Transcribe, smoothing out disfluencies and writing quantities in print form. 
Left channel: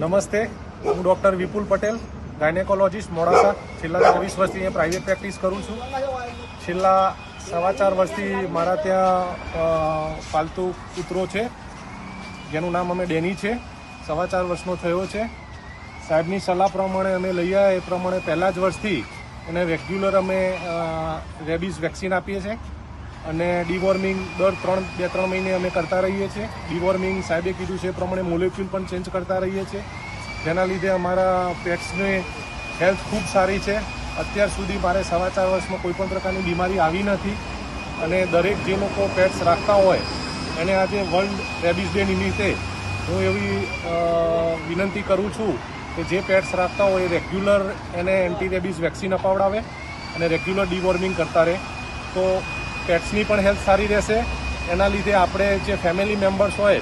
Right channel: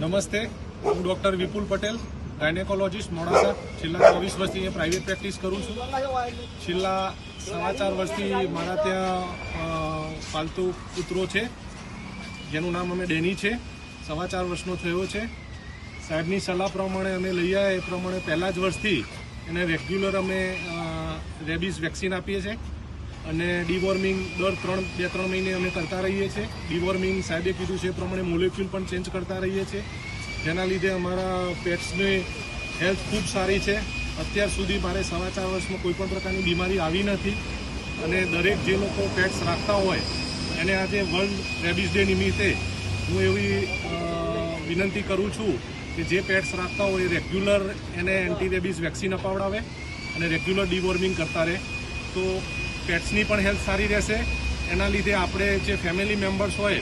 નમસ્તે, હું ડૉક્ટર વિપુલ પટેલ, ગાયનેકોલોજીસ્ટ મોડાસા. છેલ્લા 24 વર્ષથી અહીંયા પ્રાઇવેટ પ્રેક્ટિસ કરું છું. છેલ્લા 4.5 વર્ષથી મારા ત્યાં પાલતુ કૂતરો છે, જેનું નામ અમે ડેની છે. 4.5 વર્ષનો થયો છે. સાહેબની સલાહ પ્રમાણે અમે લઈ આવ્યા એ પ્રમાણે પહેલા જ વર્ષથી એને રેગ્યુલર અમે રેબીઝ વેક્સિન આપીએ છીએ અને ડીવોર્મિંગ દર 2-3 મહિને અમે કરતા રહીએ છીએ. ડીવોર્મિંગ સાહેબે કીધું છે એ પ્રમાણે મોલેક્યુલ પણ ચેન્જ કરતા રહીએ છીએ, જેના લીધે અમારા પેટ્સની હેલ્થ ખૂબ સારી છે. અત્યાર સુધી મારે 4.5 વર્ષમાં કોઈપણ પ્રકારની બીમારી આવી નથી અને દરેક જે લોકો પેટ્સ રાખતા હોય એને આજે વર્લ્ડ રેબીઝ ડે નિમિત્તે હું એવી વિનંતી કરું છું કે જે પેટ્સ રાખતા હોય એ રેગ્યુલર એને એન્ટી રેબીઝ વેક્સિન અપાવડાવે અને રેગ્યુલર ડીવોર્મિંગ કરતા રહે, તો પેટ્સની પણ હેલ્થ સારી રહેશે. એના લીધે આપણે જે ફેમિલી મેમ્બર્સ હોય